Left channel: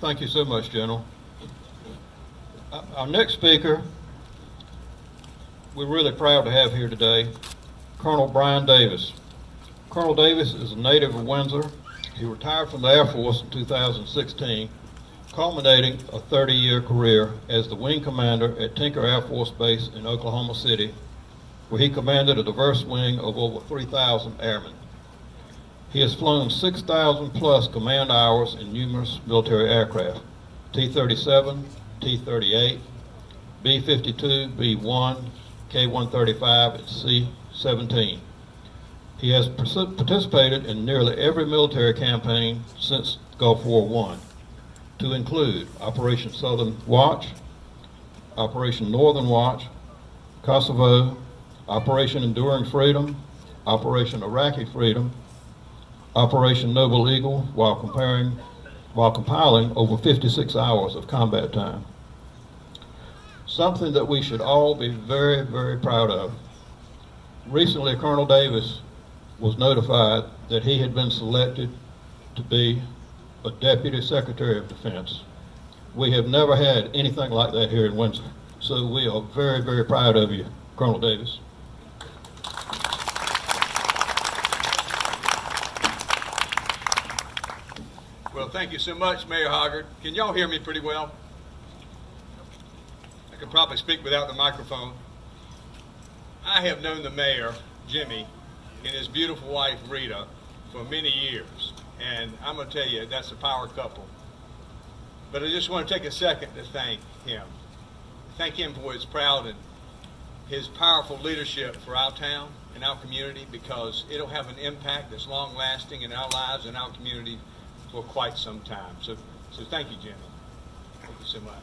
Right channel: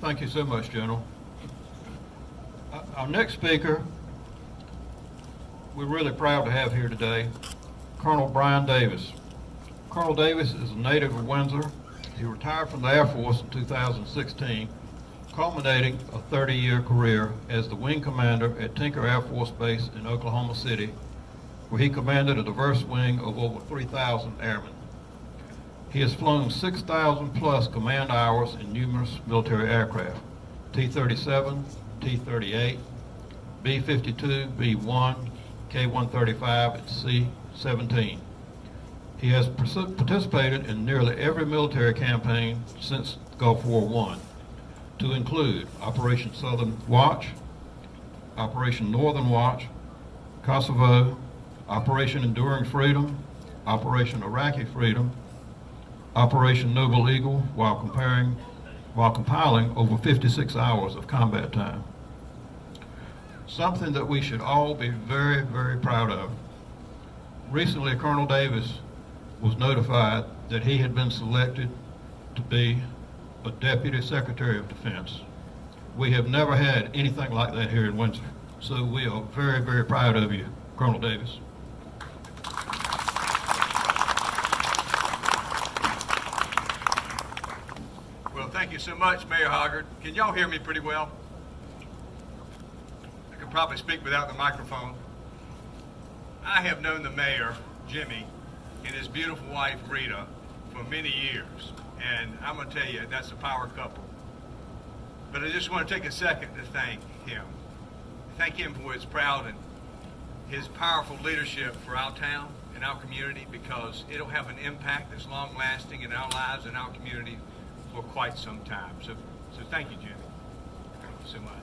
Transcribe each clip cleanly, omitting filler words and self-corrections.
Thank you so much, General. Our next speaker, we're really proud to have here today, Colonel Brian Davis. Colonel Davis is a native of Windsor. He retired from the Air Force in 2016, culminating a 30-year career as the wing commander at Tinker Air Force Base in Oklahoma City, where he commanded a diverse wing of over 3,000 airmen. He has flown 6,000 plus command hours in numerous military aircraft, T-37, T-38, B-52, B-1, K-135, and C-17. He has participated in nearly every military campaign since Gulf War I, to include Operation Southern Watch, Operation Northern Watch, Kosovo, Operation Enduring Freedom, Operation Iraqi Freedom, Operation Noble Eagle, while compiling over 56 hours of combat time. Something that we should all be very, very proud of. Recently, Colonel Davis was notified that he had been selected to be a Deputy Secretary of Defense. We have never had anything like that here in Windsor, so we are very, very proud of you, Colonel Davis. Well, thank you so much, Mayor Hoggard. Can y'all hear me pretty well? I could probably speak without the microphone. I have known the mayor, Jimmy, and his beautiful wife, Rita, for many years. And I'm going to tell you, that's a power couple. But I just want to take a second to thank him. Thank him for his proud and his powerful leadership for our town and our community, because it'll have an impact that's long-lasting in our lives and our community for quite some time. So thank you, Jimmy. Thank you so much.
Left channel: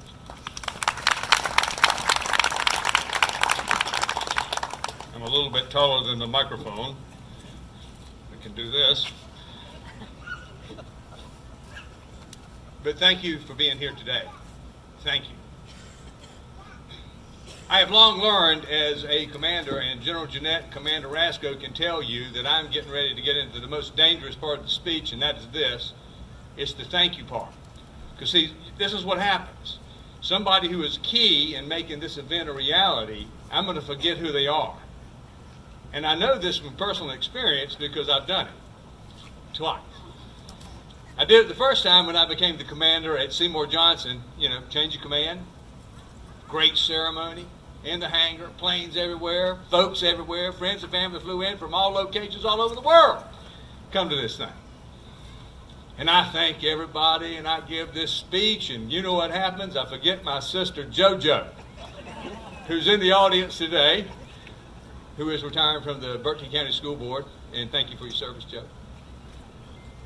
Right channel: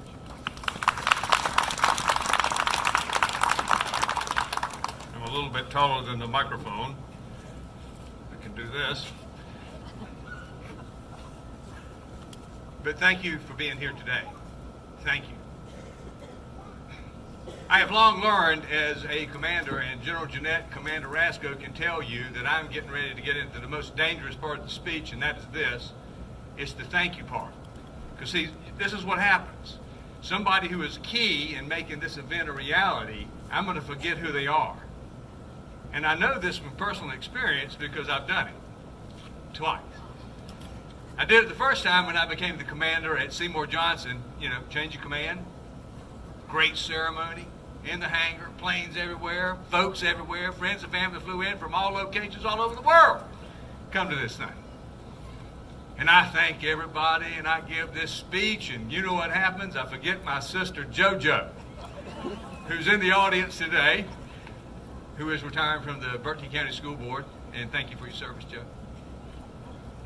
I'm a little bit taller than the microphone. I can do this. But thank you for being here today. Thank you. I have long learned as a commander, and General Jeanette, Commander Rasco can tell you that I'm getting ready to get into the most dangerous part of the speech, and that is this. It's the thank you part. Because see, this is what happens. Somebody who is key in making this event a reality, I'm going to forget who they are. And I know this from personal experience because I've done it twice. I did it the first time when I became the commander at Seymour Johnson, change of command, great ceremony, in the hangar, planes everywhere, folks everywhere, friends and family flew in from all locations all over the world. Come to this thing. And I thank everybody, and I give this speech, and you know what happens? I forget my sister JoJo, who's in the audience today, who is retiring from the Berkeley County School Board, and thank you for your service, Joe.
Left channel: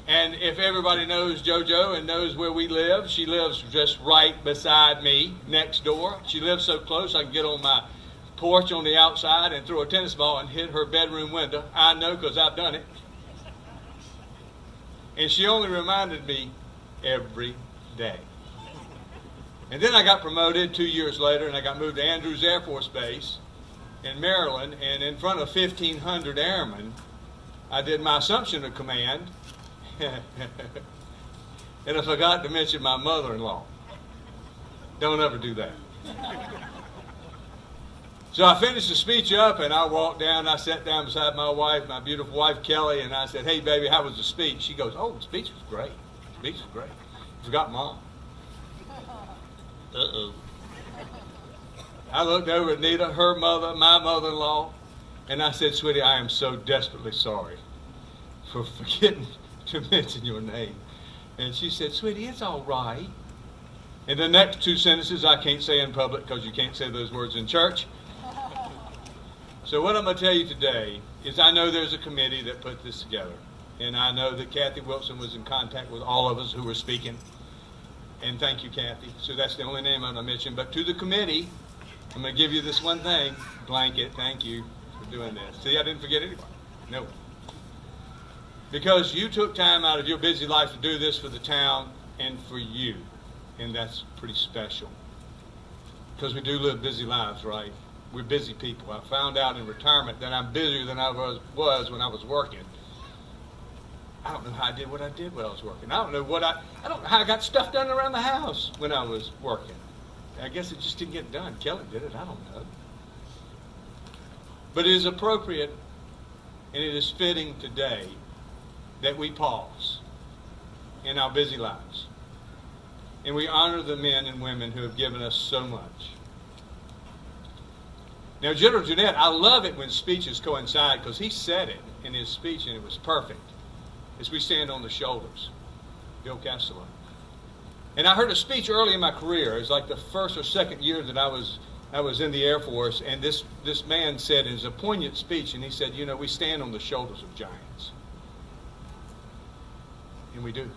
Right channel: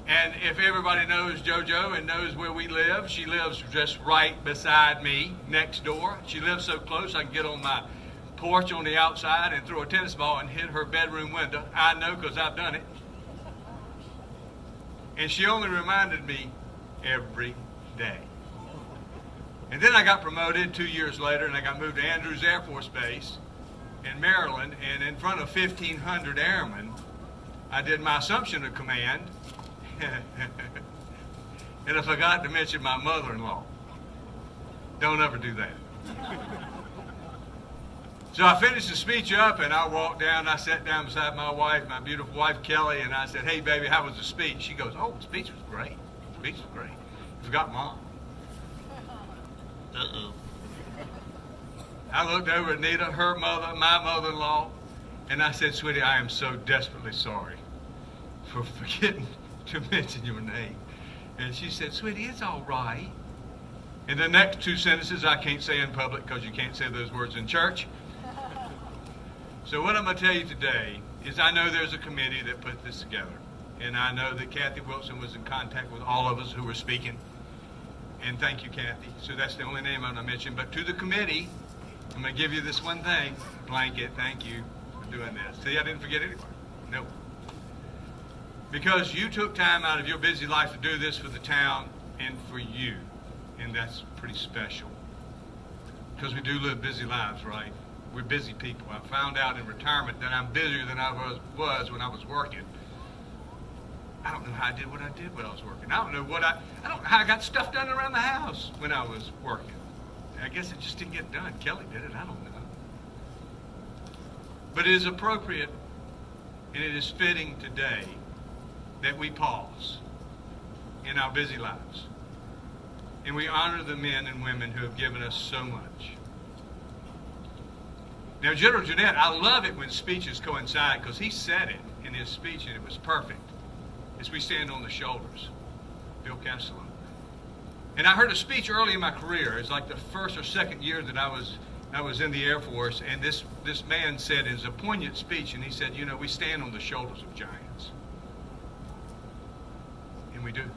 And if everybody knows JoJo and knows where we live, she lives just right beside me, next door. She lives so close I can get on my porch on the outside and throw a tennis ball and hit her bedroom window. I know because I've done it. And she only reminded me every day. And then I got promoted 2 years later, and I got moved to Andrews Air Force Base in Maryland, and in front of 1,500 airmen, I did my assumption of command. And I forgot to mention my mother-in-law. Don't ever do that. So I finished the speech up, and I walked down. I sat down beside my wife, my beautiful wife, Kelly, and I said, "Hey, baby, how was the speech?" She goes, "Oh, the speech was great. The speech was great. You forgot Mom." Uh-oh. I looked over at Nita, her mother, my mother-in-law, and I said, "Sweetie, I am so desperately sorry for forgetting to mention your name." And she said, "Sweetie, it's all right." And the next two sentences I can't say in public because you can't say those words in church. So what I'm going to tell you today is I know there's a committee that put this together. And I know that Kathy Wilson was in contact with all of us who were speaking. And thank you, Kathy. So that's the only name I'm going to mention. But to the committee, I'm going to give you this one thing. Blanket, thank you for doing this. See, I didn't forget anybody. No. Because you took time out of your busy life to do this for the town and for you. And that's pretty special. Because we do live busy lives, right? We're busy people. I found out in retirement that I'm busier than I was when I was working. I don't know how I did what I did when I was working. I don't know how I got stuff done around the house when I was working. I guess it just didn't get done. Kelly did it. I don't know. But it is appropriate and it is fitting today that we pause in our busy lives and we honor the men and women who have given us so much. Now, General Jeanette, I love it when speeches coincide because he said it in his speech and it was perfect. As we stand on the shoulders, Bill Castellano. And I heard a speech early in my career. It was like the first or second year that I was in the Air Force, and this man said, it was a poignant speech, and he said, you know, we stand on the shoulders of giants. And we do.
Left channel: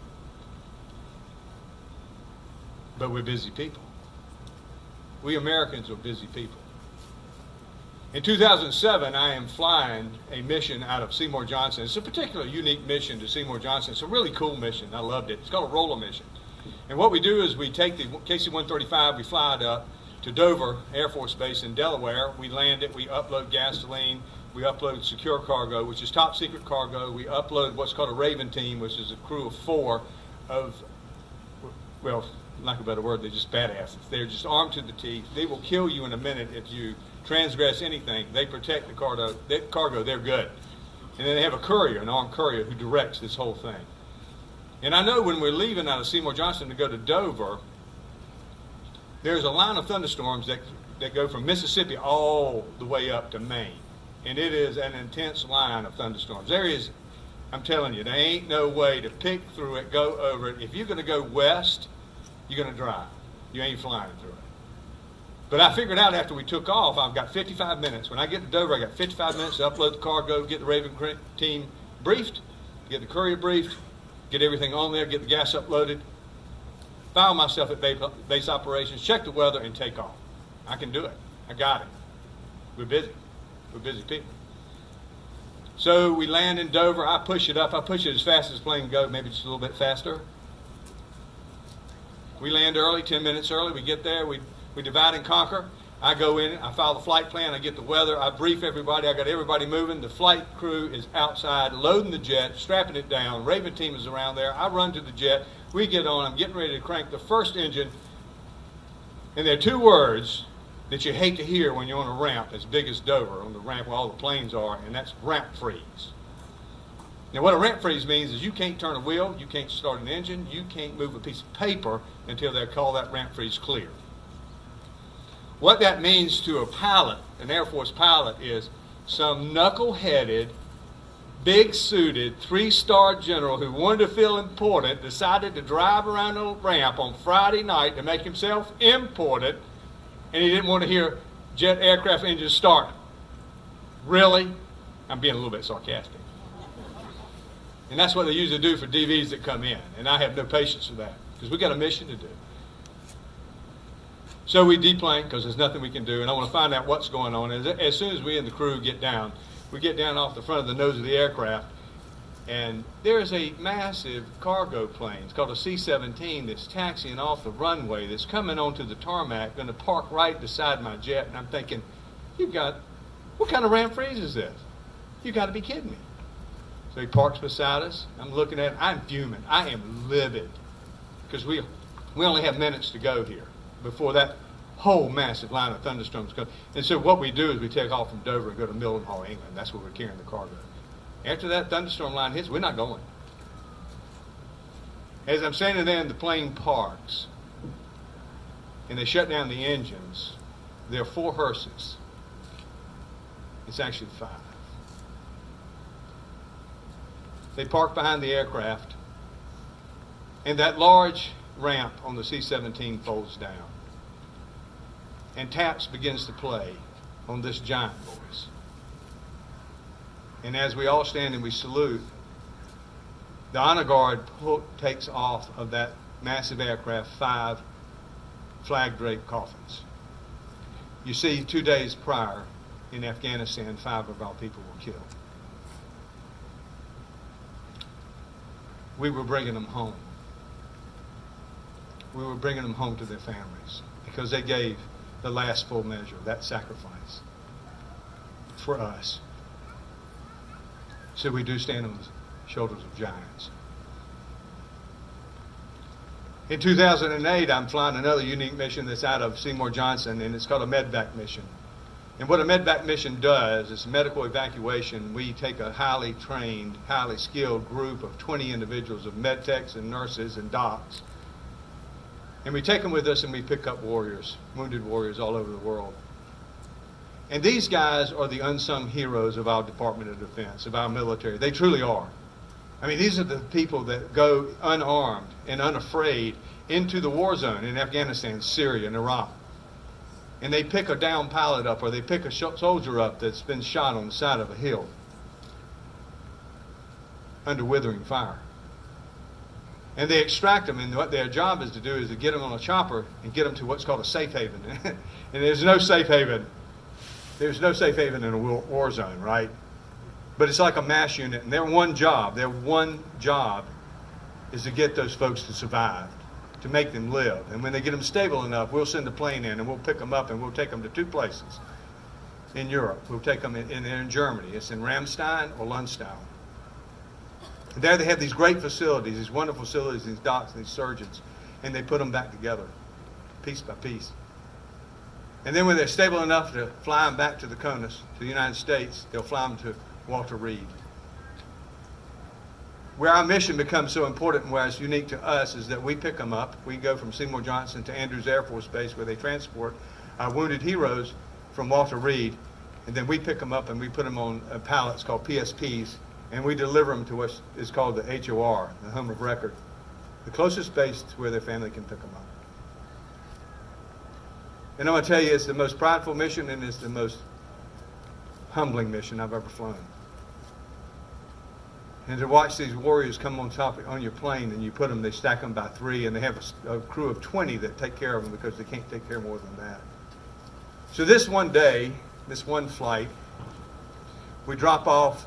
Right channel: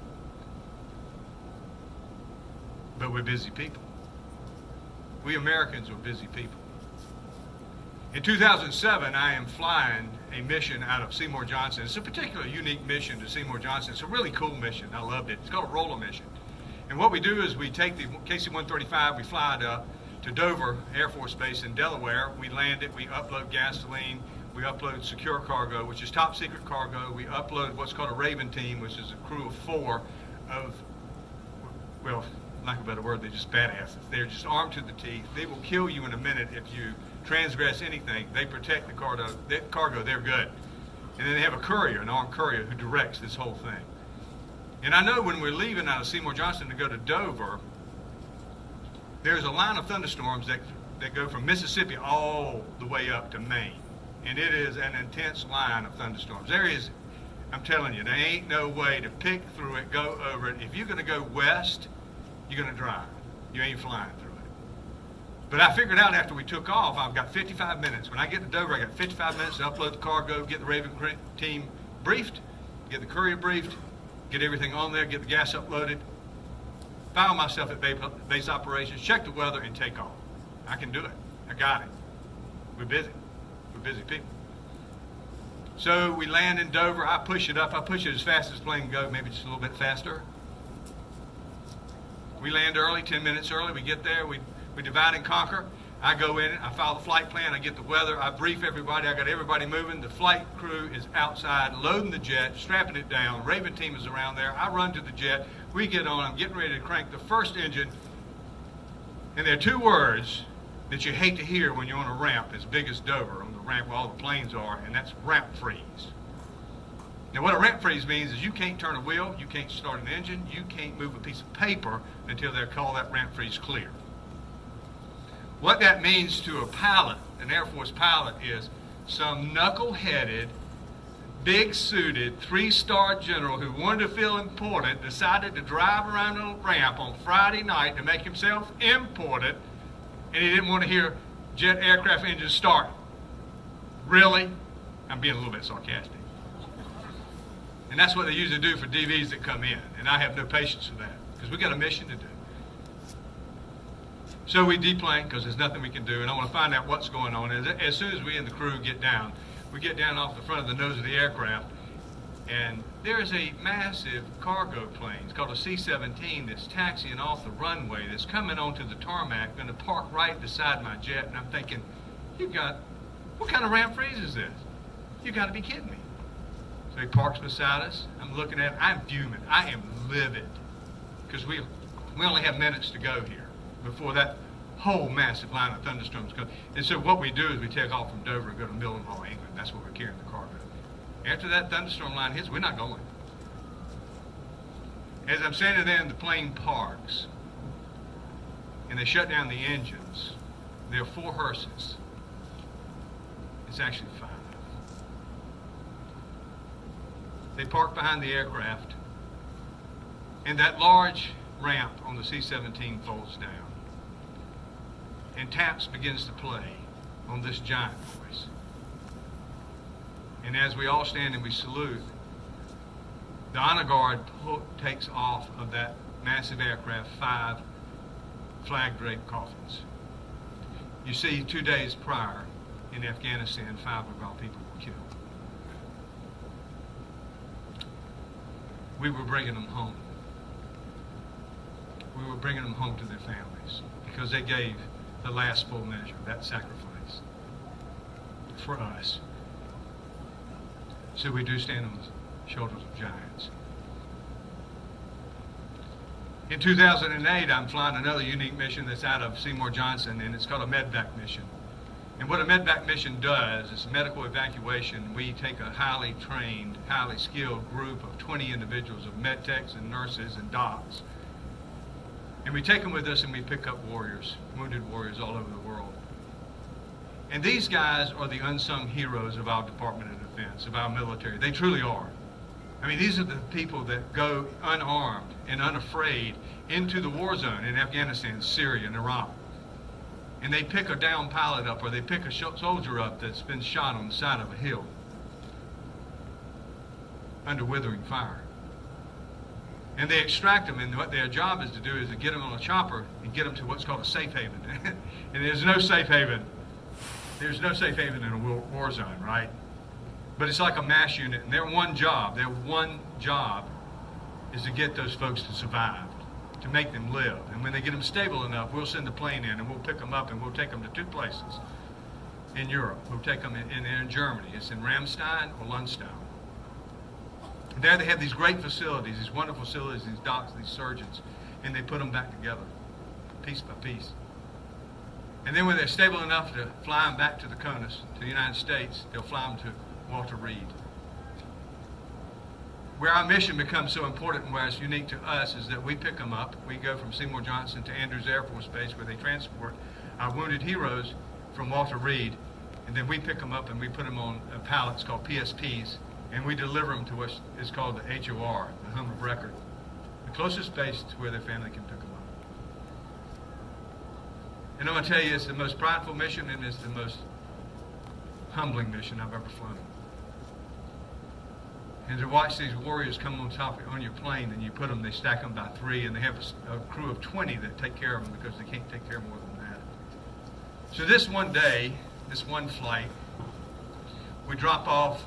But we're busy people. We Americans are busy people. In 2007, I am flying a mission out of Seymour Johnson. It's a particularly unique mission to Seymour Johnson. It's a really cool mission. I loved it. It's called a roller mission. And what we do is we take the KC-135, we fly it up to Dover Air Force Base in Delaware. We land it, we upload gasoline, we upload secure cargo, which is top secret cargo. We upload what's called a Raven team, which is a crew of 4 of, well, lack of a better word, they're just badasses. They're just armed to the teeth. They will kill you in a minute if you transgress anything. They protect the cargo, they're good. And then they have a courier, an armed courier, who directs this whole thing. And I know when we're leaving out of Seymour Johnson to go to Dover, there's a line of thunderstorms that go from Mississippi all the way up to Maine. And it is an intense line of thunderstorms. There is, I'm telling you, there ain't no way to pick through it, go over it. If you're going to go west, you're going to drive. You ain't flying through it. But I figured out after we took off, I've got 55 minutes. When I get to Dover, I got 55 minutes to upload the cargo, get the Raven team briefed, get the courier briefed, get everything on there, get the gas uploaded, file myself at base operations, check the weather, and take off. I can do it. I got it. We're busy. We're busy people. So we land in Dover. I push it up. I push it as fast as the plane can go, maybe just a little bit faster. We land early, 10 minutes early. We get there. We divide and conquer. I go in, I file the flight plan, I get the weather, I brief everybody, I got everybody moving. The flight crew is outside loading the jet, strapping it down. Raven team is around there. I run to the jet. We get on. I'm getting ready to crank the first engine. And there are 2 words that you hate to hear when you're on a ramp as big as Dover, on the ramp where all the planes are, and that's ramp freeze. Now, what a ramp freeze means is you can't turn a wheel, you can't start an engine, you can't move a piece of paper until they call that ramp freeze clear. What that means to a pilot, an Air Force pilot, is some knuckle-headed, big-suited, 3-star general who wanted to feel important decided to drive around a ramp on Friday night to make himself important, and he didn't want to hear jet aircraft engines start. Really? I'm being a little bit sarcastic. And that's what they usually do for DVs that come in, and I have no patience for that because we got a mission to do. So we deplane because there's nothing we can do, and I want to find out what's going on. As soon as we and the crew get down, we get down off the front of the nose of the aircraft, and there's a massive cargo plane. It's called a C-17 that's taxiing off the runway that's coming onto the tarmac, going to park right beside my jet, and I'm thinking, what kind of ramp freeze is this? You got to be kidding me. So he parks beside us. I'm looking at him. I'm fuming. I am livid because we only have minutes to go here before that whole massive line of thunderstorms comes. And so what we do is we take off from Dover and go to Mildenhall, England. That's where we're carrying the cargo. After that thunderstorm line hits, we're not going. As I'm standing there and the plane parks, and they shut down the engines, there are 4 hearses. It's actually 5. They park behind the aircraft, and that large ramp on the C-17 folds down. And taps begins to play on this giant voice. And as we all stand and we salute, the honor guard takes off of that massive aircraft 5 flag-draped coffins. You see, 2 days prior in Afghanistan, 5 of our people were killed. We were bringing them home. We were bringing them home to their families because they gave the last full measure, that sacrifice for us. So we do stand shoulders of giants. In 2008, I'm flying another unique mission that's out of Seymour Johnson, and it's called a medvac mission. And what a medvac mission does is medical evacuation. We take a highly trained, highly skilled group of 20 individuals of med techs and nurses and docs, and we take them with us and we pick up warriors, wounded warriors all over the world. And these guys are the unsung heroes of our Department of Defense, of our military. They truly are. I mean, these are the people that go unarmed and unafraid into the war zone in Afghanistan, Syria, and Iraq. And they pick a downed pilot up, or they pick a soldier up that's been shot on the side of a hill under withering fire. And they extract them, and what their job is to do is to get them on a chopper and get them to what's called a safe haven. And there's no safe haven. There's no safe haven in a war zone, right? But it's like a mass unit, and their one job is to get those folks to survive, to make them live. And when they get them stable enough, we'll send a plane in and we'll pick them up and we'll take them to two places in Europe. We'll take them in Germany. It's in Ramstein or Lundstein. There they have these great facilities, these wonderful facilities, these docs and these surgeons, and they put them back together, piece by piece. And then when they're stable enough to fly them back to the CONUS, to the United States, they'll fly them to Walter Reed. Where our mission becomes so important and where it's unique to us is that we pick them up. We go from Seymour Johnson to Andrews Air Force Base, where they transport our wounded heroes from Walter Reed, and then we pick them up and we put them on pallets called PSPs, and we deliver them to what is called the HOR, the Home of Record, the closest base to where their family can pick them up. And I'm going to tell you, it's the most prideful mission and it's the most humbling mission I've ever flown. And to watch these warriors come on your plane, and you put them, they stack them by 3, and they have a crew of 20 that take care of them because they can't take care more than that. So this one day, this one flight, we drop off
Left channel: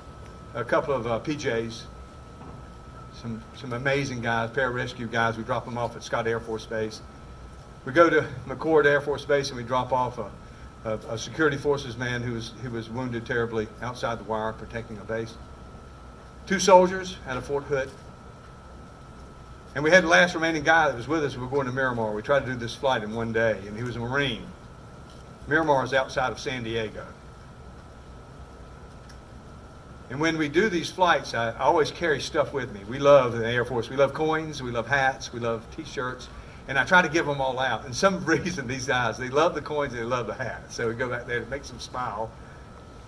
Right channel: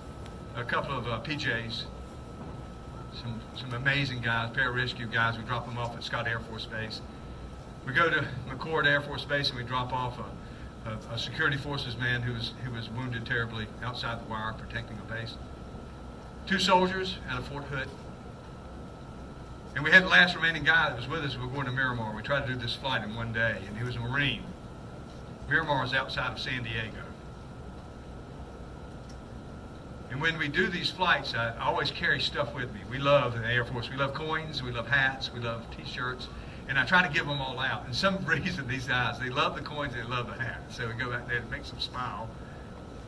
a couple of PJs, some amazing guys, pararescue guys. We drop them off at Scott Air Force Base. We go to McCord Air Force Base and we drop off a security forces man who was wounded terribly outside the wire protecting a base. 2 soldiers out of Fort Hood. And we had the last remaining guy that was with us. We were going to Miramar. We tried to do this flight in one day, and he was a Marine. Miramar is outside of San Diego. And when we do these flights, I always carry stuff with me. We love in the Air Force. We love coins. We love hats. We love T-shirts. And I try to give them all out. And some reason, these guys, they love the coins, they love the hats. So we go back there, it makes them smile.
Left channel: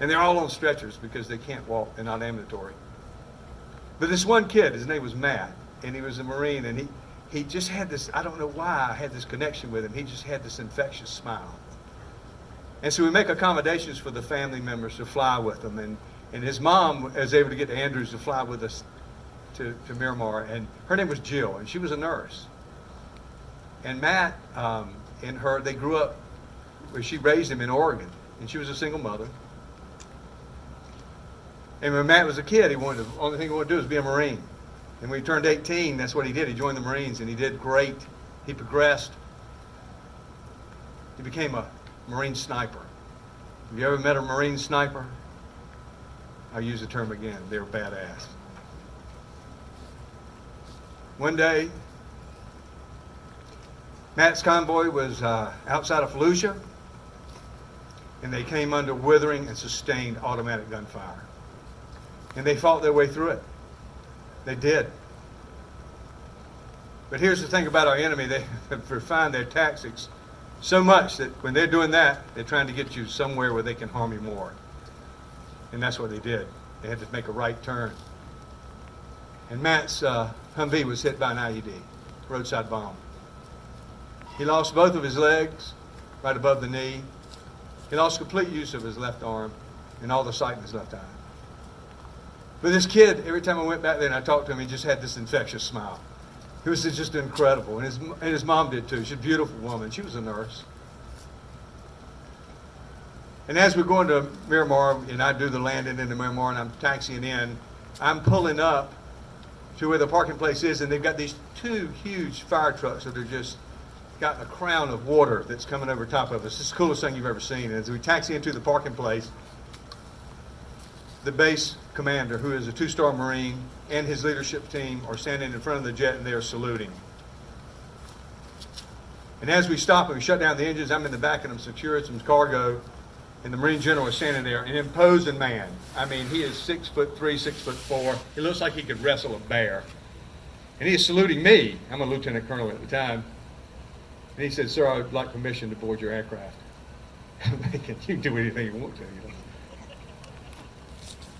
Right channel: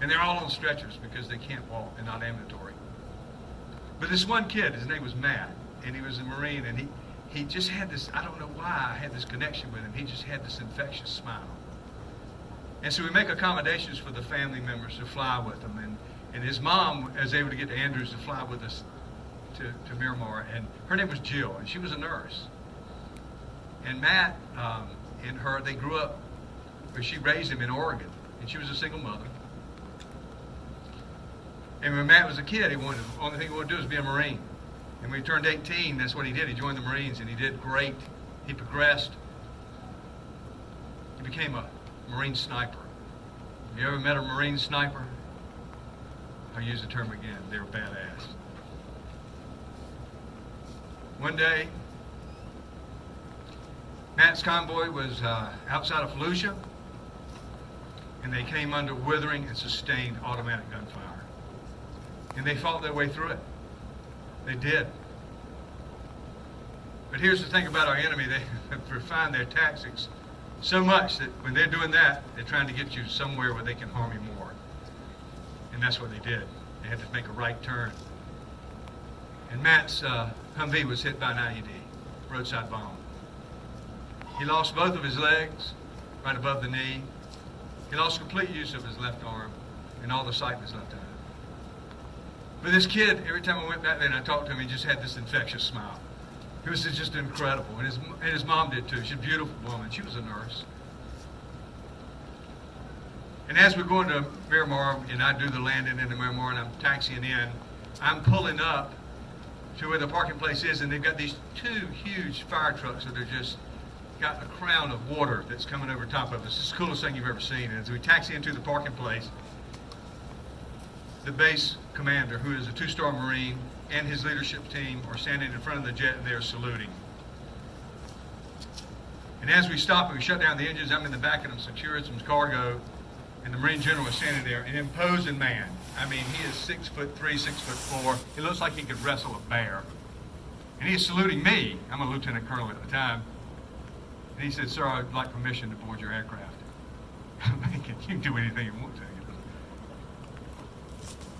And they're all on stretchers because they can't walk. They're not ambulatory. But this one kid, his name was Matt, and he was a Marine, and he just had this, I don't know why I had this connection with him. He just had this infectious smile. And so we make accommodations for the family members to fly with them. And his mom was able to get Andrews to fly with us to Miramar. And her name was Jill, and she was a nurse. And Matt and her, they grew up, she raised him in Oregon, and she was a single mother. And when Matt was a kid, the only thing he wanted to do was be a Marine. And when he turned 18, that's what he did. He joined the Marines, and he did great. He progressed. He became a Marine sniper. Have you ever met a Marine sniper? I'll use the term again. They're badass. One day, Matt's convoy was outside of Fallujah, and they came under withering and sustained automatic gunfire. And they fought their way through it. They did. But here's the thing about our enemy. They have refined their tactics so much that when they're doing that, they're trying to get you somewhere where they can harm you more. And that's what they did. They had to make a right turn. And Matt's Humvee was hit by an IED, roadside bomb. He lost both of his legs, right above the knee. He lost complete use of his left arm and all the sight in his left eye. But this kid, every time I went back there and I talked to him, he just had this infectious smile. He was just incredible. And his mom did too. She's a beautiful woman. She was a nurse. And as we're going to Miramar, and I do the landing into Miramar, and I'm taxiing in, I'm pulling up to where the parking place is, and they've got these 2 huge fire trucks that are just got a crown of water that's coming over top of us. It's the coolest thing you've ever seen. And as we taxi into the parking place, the base commander, who is a 2-star Marine, and his leadership team are standing in front of the jet and they are saluting. And as we stop and we shut down the engines, I'm in the back and I'm securing some cargo, and the Marine General is standing there, an imposing man. I mean, he is 6'3", 6'4". He looks like he could wrestle a bear. And he is saluting me. I'm a lieutenant colonel at the time. And he said, "Sir, I would like permission to board your aircraft." I'm thinking, you can do anything you want to.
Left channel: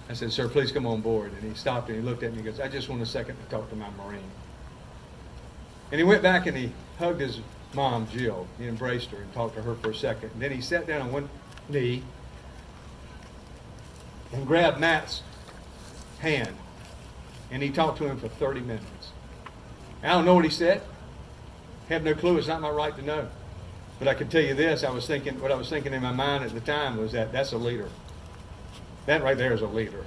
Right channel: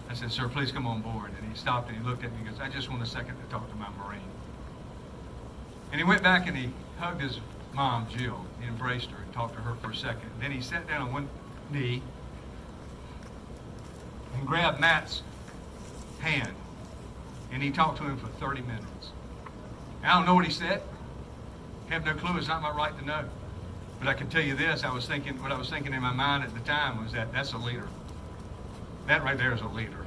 I said, "Sir, please come on board." And he stopped and he looked at me and he goes, "I just want a second to talk to my Marine." And he went back and he hugged his mom, Jill. He embraced her and talked to her for a second. And then he sat down on one knee and grabbed Matt's hand. And he talked to him for 30 minutes. I don't know what he said. Have no clue. It's not my right to know. But I can tell you this, what I was thinking in my mind at the time was that that's a leader. That right there is a leader.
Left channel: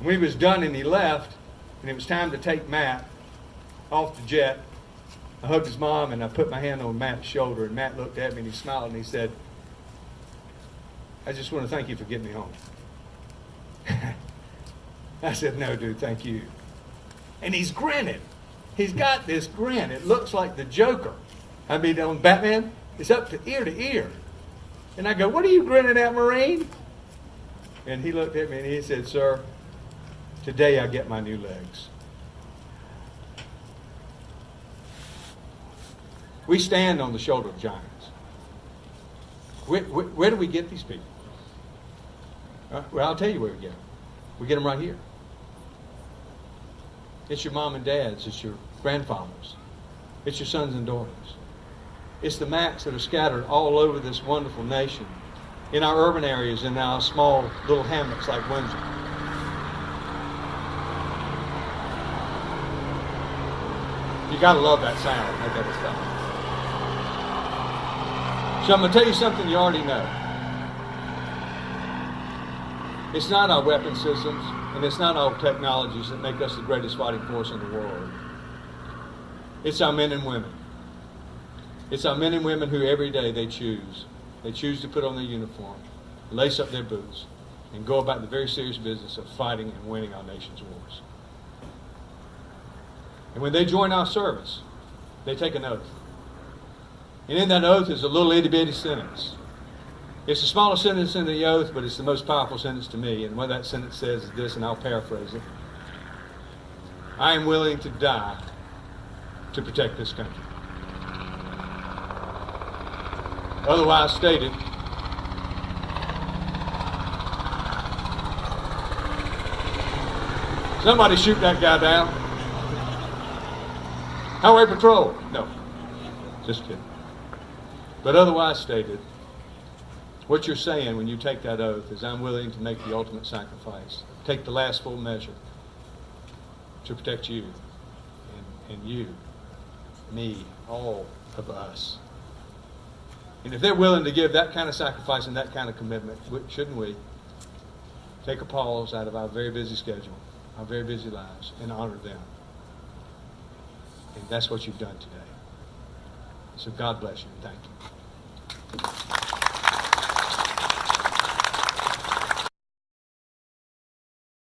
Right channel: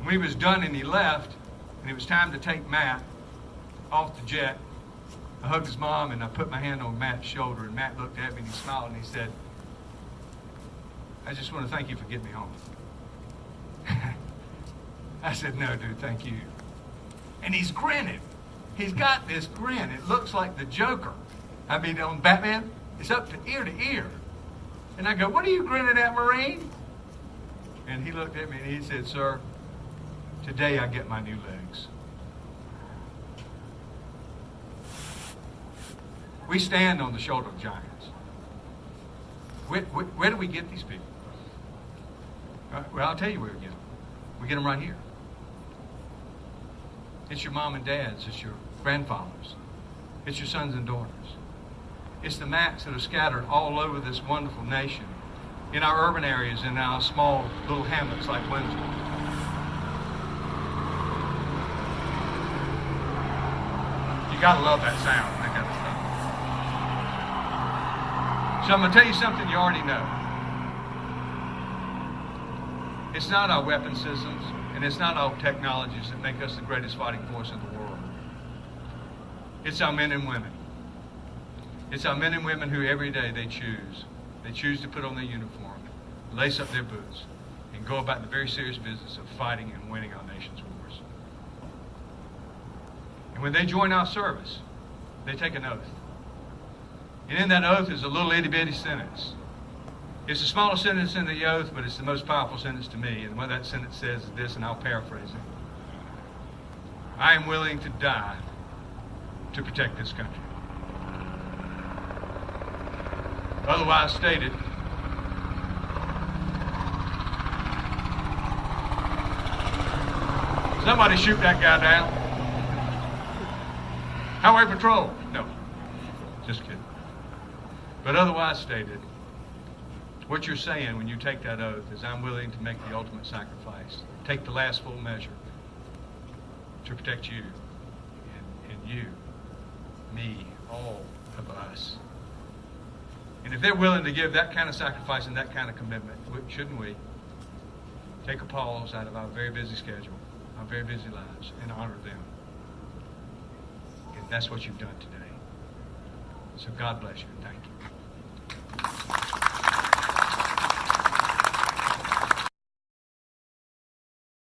When he was done and he left, and it was time to take Matt off the jet, I hugged his mom and I put my hand on Matt's shoulder, and Matt looked at me and he smiled and he said, "I just want to thank you for getting me home." I said, "No, dude, thank you." And he's grinning. He's got this grin. It looks like the Joker. I mean, on Batman, it's up to ear. And I go, "What are you grinning at, Marine?" And he looked at me and he said, "Sir, today I get my new legs." We stand on the shoulder of giants. Where do we get these people? Well, I'll tell you where we get them. We get them right here. It's your mom and dads. It's your grandfathers. It's your sons and daughters. It's the Mats that are scattered all over this wonderful nation, in our urban areas, in our small little hamlets like Windsor. You gotta love that sound. That kind of stuff. So I'm gonna tell you something you already know. It's not our weapon systems, and it's not our technologies that make us the greatest fighting force in the world. It's our men and women. It's our men and women who every day they choose. They choose to put on their uniform, lace up their boots, and go about the very serious business of fighting and winning our nation's wars. And when they join our service, they take an oath. And in that oath is a little itty-bitty sentence. It's the smallest sentence in the oath, but it's the most powerful sentence to me. And what that sentence says is this, and I'll paraphrase it. "I am willing to die to protect this country." Otherwise stated, somebody shoot that guy down. Highway patrol. No, just kidding. But otherwise stated, what you're saying when you take that oath is, I'm willing to make the ultimate sacrifice, take the last full measure to protect you and you, me, all of us. And if they're willing to give that kind of sacrifice and that kind of commitment, shouldn't we take a pause out of our very busy schedule, our very busy lives, and honor them? And that's what you've done today. So God bless you. Thank you.